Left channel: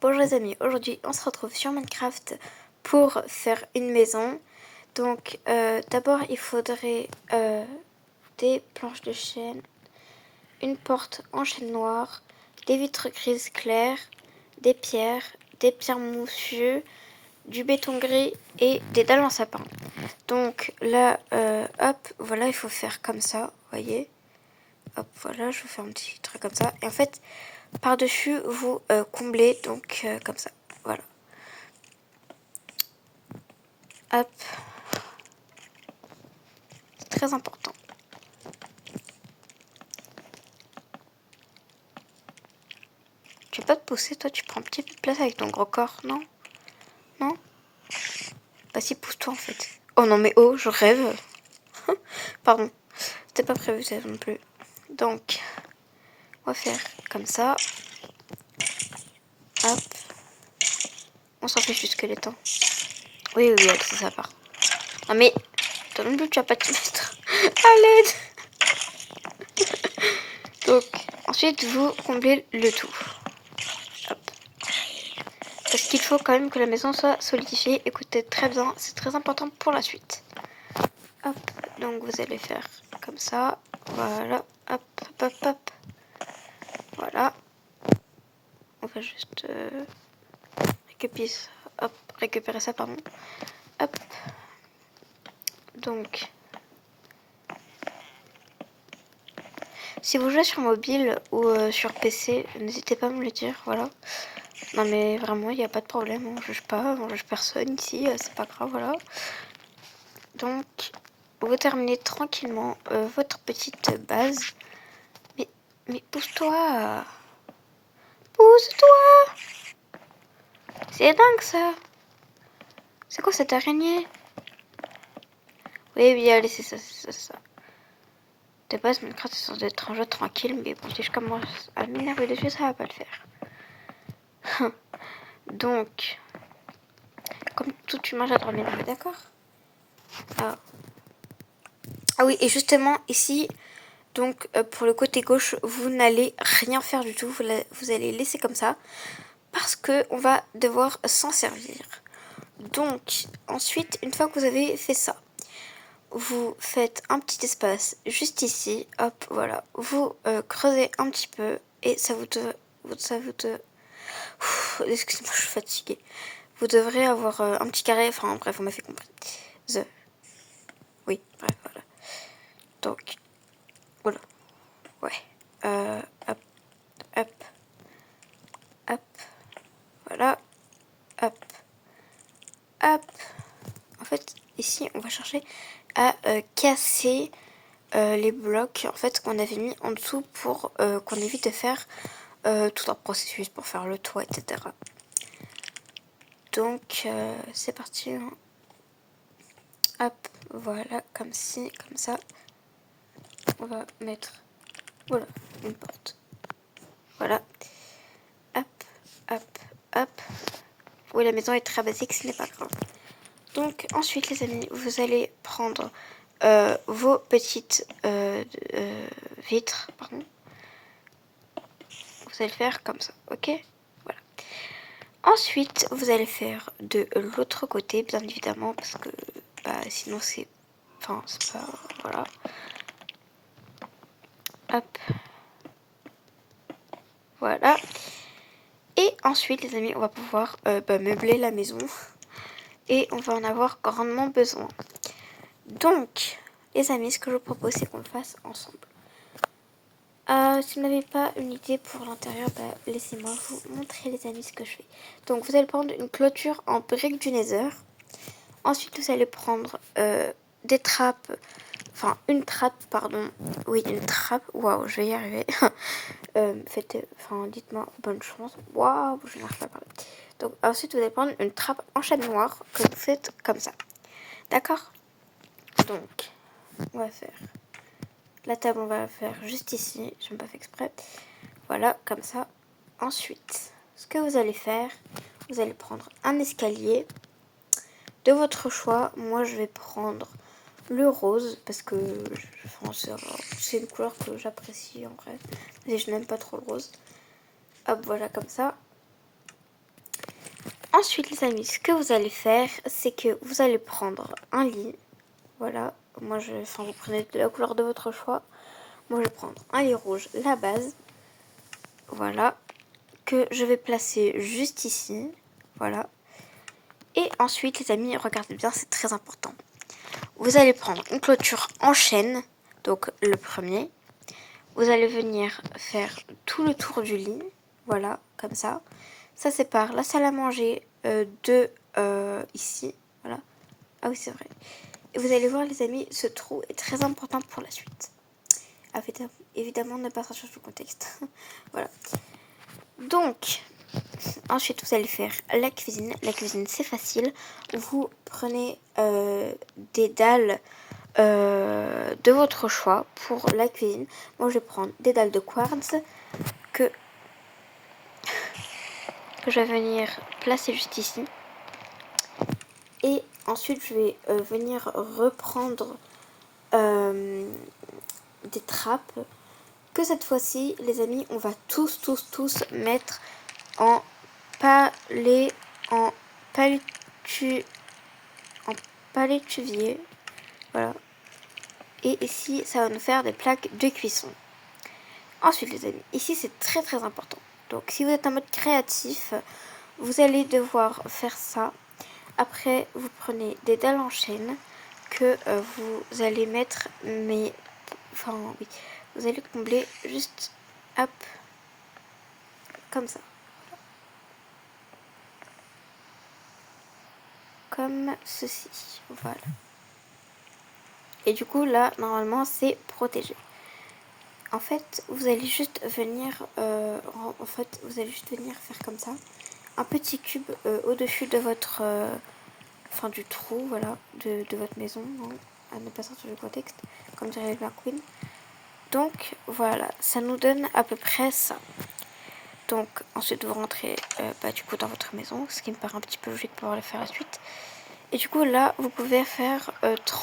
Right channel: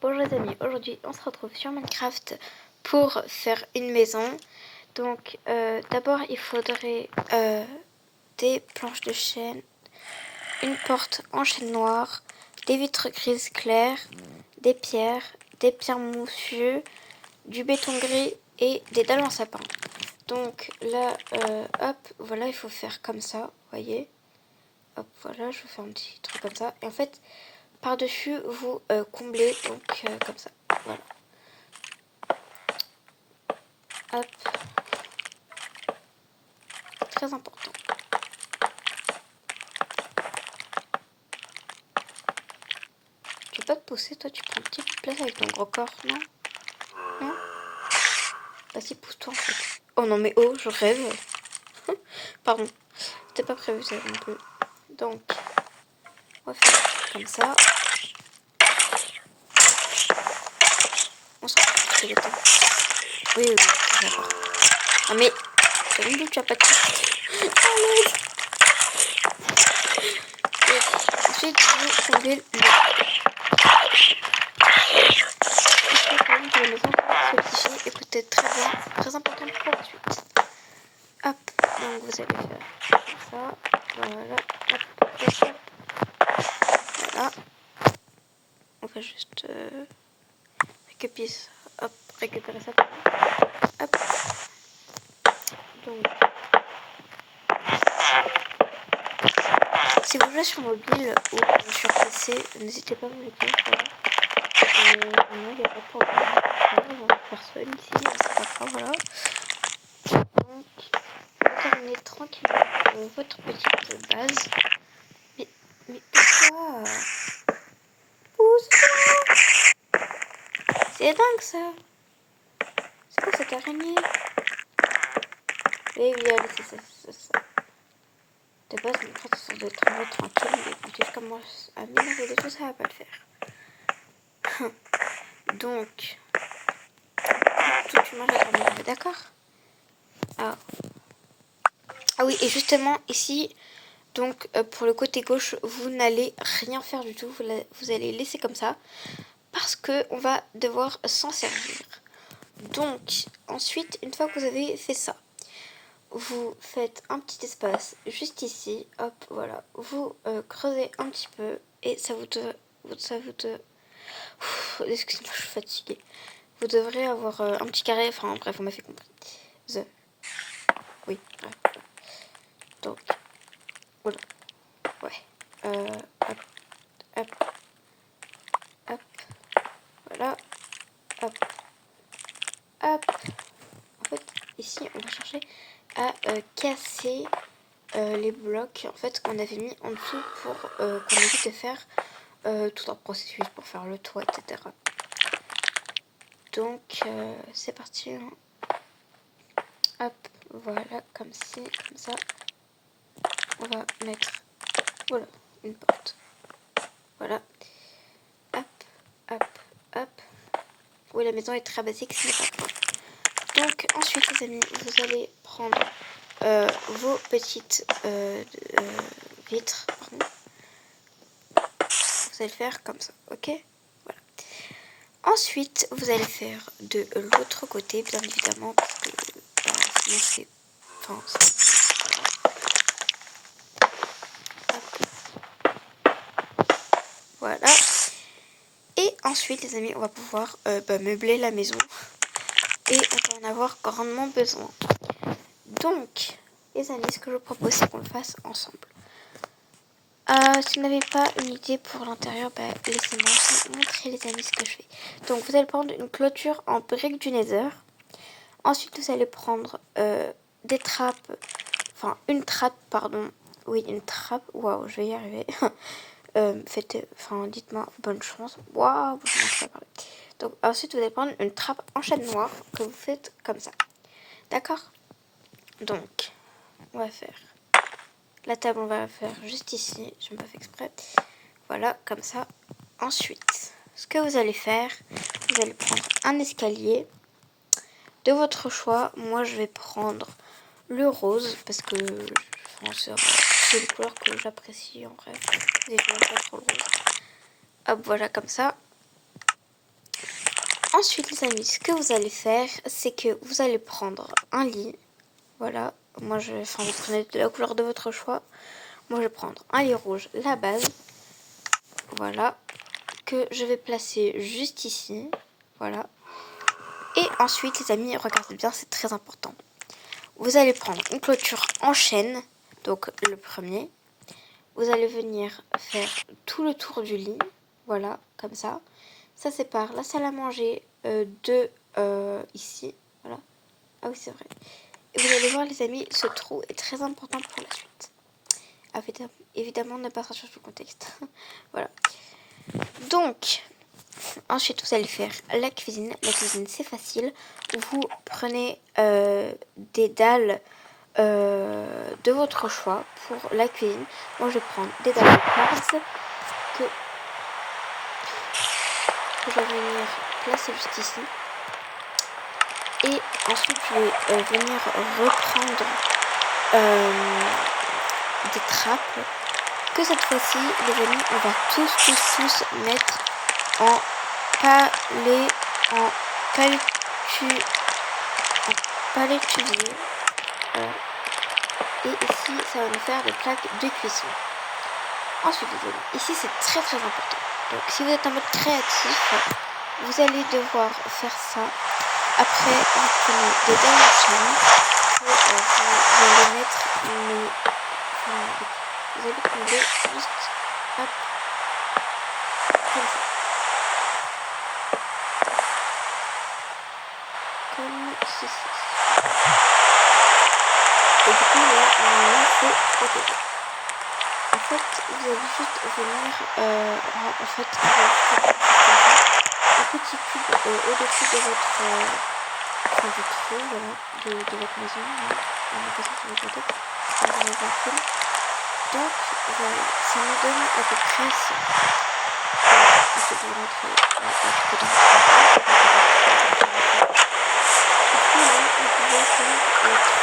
Bonjour les amis, aujourd'hui on se retrouve sur Minecraft pour faire une maison. Donc d'abord il faudrait des planches de chêne, une porte en chêne noir, des vitres grises claires, des pierres moussues, du béton gris et des dalles en sapin. Donc là, hop, voilà, il faut faire comme ça, vous voyez. Hop, voilà, je vais faire un petit truc comme ça. Et en fait, par-dessus, vous comblez, donc comme ça, voilà. Hop. C'est très important. Tu veux pas te pousser, toi, tu prends un petit peu de place avec ton gros corps, non? Non? Bah si, pousse-toi en fait. Oh non mais oh, je rêve. Pardon, c'était pas prévu ça non plus. Donc, on va faire comme ça. Hop. On s'en fiche du squelette. Oui, c'est ça part. Non mais, t'as même vu, tu as pas de à l'aide. Donc, ensuite, vous comblez le tout. Parce qu'il faut quand même que la maison soit solidifiée. Écoutez très bien, c'est très important pour la suite. Hop, donc vous allez faire comme ça. Voilà, hop, hop, hop. Voilà. On va juste récupérer ça, pardon. Hop. Donc, si vous jouez sur mobile ou sur PC, n'hésitez pas à me le dire, voilà. Non mais vraiment, il n'y a pas de problème, on ne juge pas, on ne juge personne ici, c'est pas grave, voilà. Donc, vous terminez tranquillement votre petite base. Mais pousse-toi. Pousse-toi. C'est dingue ça. C'est quoi cette araignée? Oui, allez, c'est ça. De base, Minecraft est censé être un jeu tranquille, mais quand je commence à m'énerver des jeux, ça va pas le faire. Donc, comme toute humain, j'adore m'énerver, d'accord? Ah oui, et justement, ici, donc pour le côté gauche, vous n'allez rien faire du tout, vous allez laisser comme ça, parce qu'on va devoir s'en servir. Donc, ensuite, une fois que vous avez fait ça, vous faites un petit espace juste ici, hop, voilà. Vous creusez un petit peu et excusez-moi, je suis fatiguée. Vous devrez avoir un petit carré, enfin bref, on m'a fait compris. Oui, bref. Donc, voilà, ouais. Hop, hop, hop, voilà, hop, hop. En fait, ici, on va chercher à casser les blocs en fait qu'on avait mis en dessous pour qu'on évite de faire tout un processus pour faire le toit, etc. Donc c'est parti. Hein. Hop, voilà, comme ci, comme ça. On va mettre, voilà, une porte. Voilà. Hop, hop, hop. Oui, la maison est très basique, ce n'est pas grave. Donc ensuite, les amis, vous allez prendre vos petites vitres, pardon. Vous allez faire comme ça, ok? Voilà. Ensuite, vous allez faire de l'autre côté, bien évidemment, parce que sinon c'est... Enfin, c'est pas... Voilà. Hop. Voilà. Et ensuite, les amis, on va pouvoir meubler la maison. Et on va en avoir grandement besoin. Donc, les amis, ce que je vous propose, c'est qu'on le fasse ensemble. Si vous n'avez pas une idée pour l'intérieur, laissez-moi vous montrer, les amis, ce que je fais. Donc, vous allez prendre une clôture en briques du Nether. Ensuite, vous allez prendre des trappes, enfin une trappe, pardon. Oui, une trappe. Waouh, je vais y arriver. Dites-moi bonne chance. Waouh, je ne sais pas parler. Donc, ensuite, vous allez prendre une trappe en chêne noir que vous faites comme ça. D'accord? Donc, on va faire la table, on va la faire juste ici. Je n'ai pas fait exprès. Voilà, comme ça. Ensuite, ce que vous allez faire, vous allez prendre un escalier de votre choix. Moi, je vais prendre le rose parce que c'est une couleur que j'apprécie en vrai. Mais je n'aime pas trop le rose. Hop, voilà, comme ça. Ensuite, les amis, ce que vous allez faire, c'est que vous allez prendre un lit. Voilà, vous prenez de la couleur de votre choix. Moi, je vais prendre un lit rouge, la base. Voilà, que je vais placer juste ici. Voilà. Et ensuite, les amis, regardez bien, c'est très important. Vous allez prendre une clôture en chaîne, donc le premier. Vous allez venir faire tout le tour du lit. Voilà, comme ça. Ça sépare la salle à manger de ici. Voilà. Ah oui, c'est vrai. Et vous allez voir, les amis, ce trou est très important pour la suite. Évidemment, ne pas changer le contexte. Voilà. Donc, ensuite, vous allez faire la cuisine. La cuisine, c'est facile. Vous prenez des dalles de votre choix pour la cuisine. Moi, je vais prendre des dalles de quartz que je vais venir placer juste ici. Et ensuite, je vais venir reprendre des trappes que cette fois-ci, les amis, on va tous mettre en palétuvier. Voilà. Et ici, ça va nous faire des plaques de cuisson. Ensuite, les amis, ici, c'est très important. Donc, si vous êtes en mode créatif, vous allez devoir faire ça. Après, vous prenez des dalles en chaîne que vous allez mettre, vous allez combler juste, hop, comme ça. Comme ceci. Et du coup, là, normalement, c'est protégé. En fait, vous allez juste venir, vous allez juste venir faire comme ça, un petit cube au-dessus de votre, du trou, voilà, de votre maison. Hein. On est passé sur le contexte, comme vous allez voir. Donc, voilà, ça nous donne à peu près ça. Donc, ensuite, vous rentrez, du coup, dans votre maison, et du coup, là, vous pouvez faire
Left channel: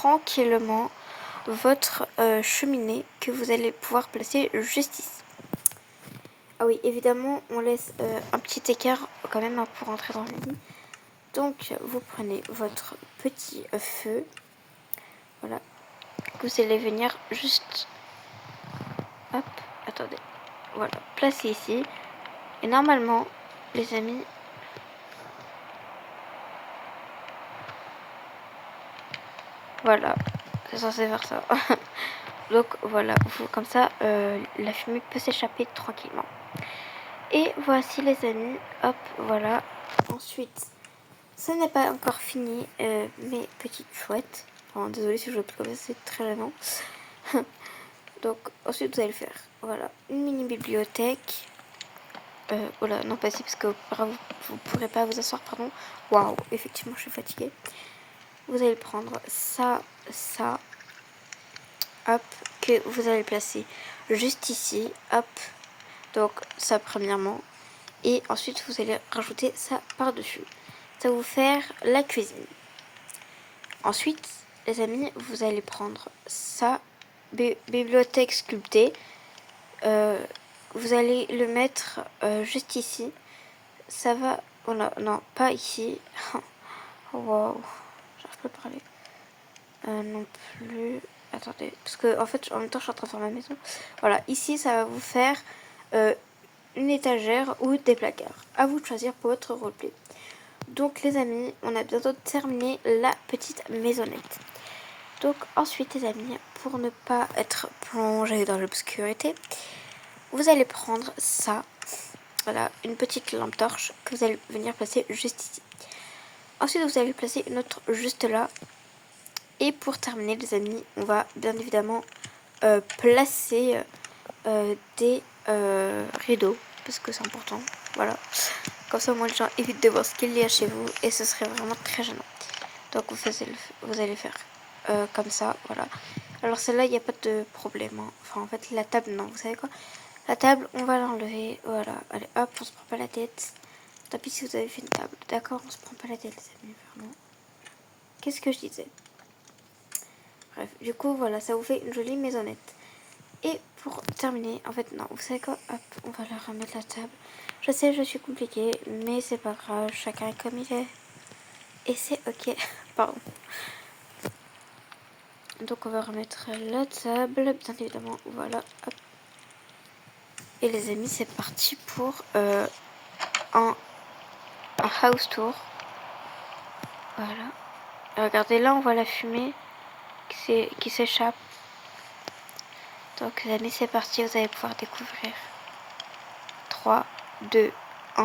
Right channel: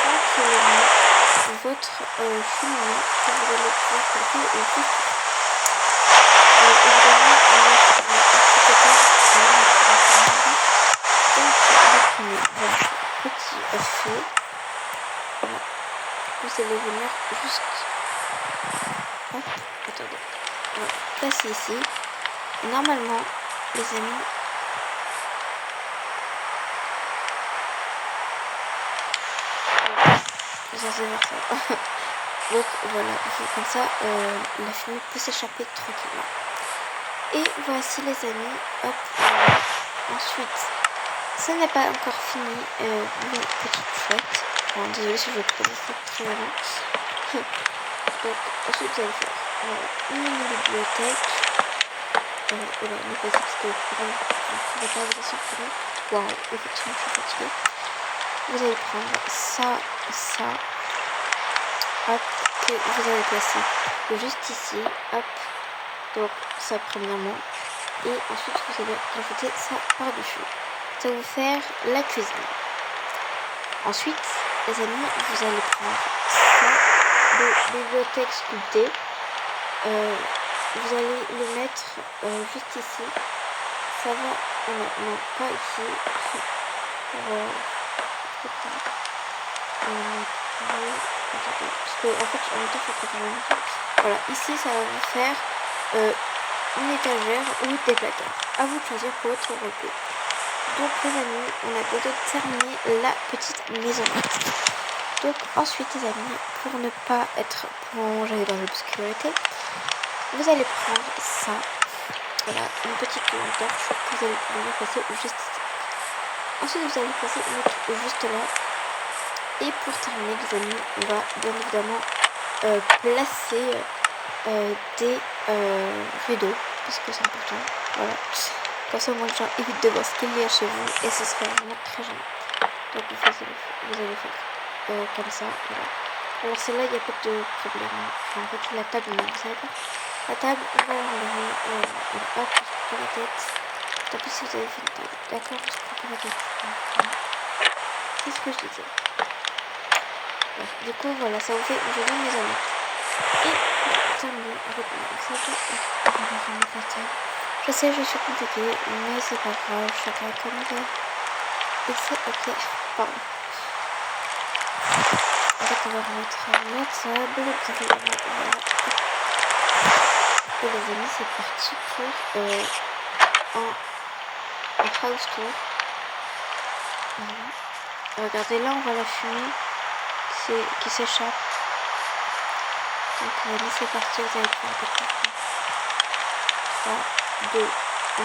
tranquillement votre cheminée que vous allez pouvoir placer juste ici. Évidemment, on laisse un petit écart quand même pour entrer. Donc, vous prenez votre petit feu. Voilà. Vous allez venir juste... Hop, attendez. Voilà, placer ici. Et normalement, les amis... Voilà. C'est censé faire ça. Donc voilà, comme ça, la fumée peut s'échapper tranquillement. Et voici les amis, hop, voilà. Ensuite, ce n'est pas encore fini, mes petites chouettes. Bon, désolée si je prononce très vraiment. Donc ensuite vous allez faire, voilà, une mini-bibliothèque. Oh là, non pas ça parce que vous ne pourrez pas vous asseoir pour nous. Waouh, effectivement je suis fatiguée. Vous allez prendre ça, ça. Hop, que vous allez placer juste ici, hop, donc ça premièrement, et ensuite vous allez rajouter ça par-dessus. Ça va vous faire la cuisine. Ensuite, les amis, vous allez prendre ça, de bibliothèque sculptée, vous allez le mettre juste ici, ça va, non, pas ici, wow. Parce que en fait en même temps je suis en train de faire la musique. Voilà, ici ça va vous faire une étagère ou des placards. À vous de choisir pour votre repos. Donc les amis, on a bientôt terminé la petite maisonnette. Donc ensuite les amis, pour ne pas être plongé dans l'obscurité, vous allez prendre ça. Voilà, une petite lampe torche que vous allez venir placer juste ici. Ensuite vous allez placer une autre juste là. Et pour terminer les amis, on va bien évidemment placer des rideaux, parce que c'est important, voilà. Comme ça, moi, les gens évitent de voir ce qu'il y a chez vous, et ce serait vraiment très gênant. Donc vous allez faire comme ça, voilà. Alors celle-là, il n'y a pas de problème. Enfin, en fait, la table, non, vous savez pas. La table, on va l'enlever, voilà. Allez, hop, on se prend pas la tête. Tant pis si vous avez fait une table, d'accord, on se prend pas la tête. Voilà. Qu'est-ce que je disais? Bref, du coup, voilà, ça vous fait une jolie maisonnette. Et pour terminer, en fait, non, vous savez quoi, on va remettre la table. Je sais, je suis compliquée, mais c'est pas grave, chacun est comme il est. Et c'est ok. Pardon. Donc on va remettre la table, bien évidemment, voilà. Et les amis, c'est parti pour un house tour. Voilà. Et regardez, là on voit la fumée qui s'échappe. Donc les amis, c'est parti, vous allez pouvoir découvrir. 3, 2, 1.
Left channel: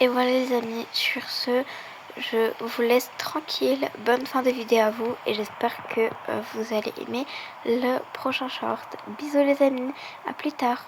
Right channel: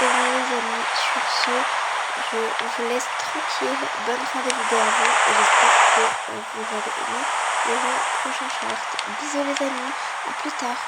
Et voilà les amis, sur ce, je vous laisse tranquille. Bonne fin de vidéo à vous et j'espère que vous allez aimer le prochain short. Bisous les amis, à plus tard.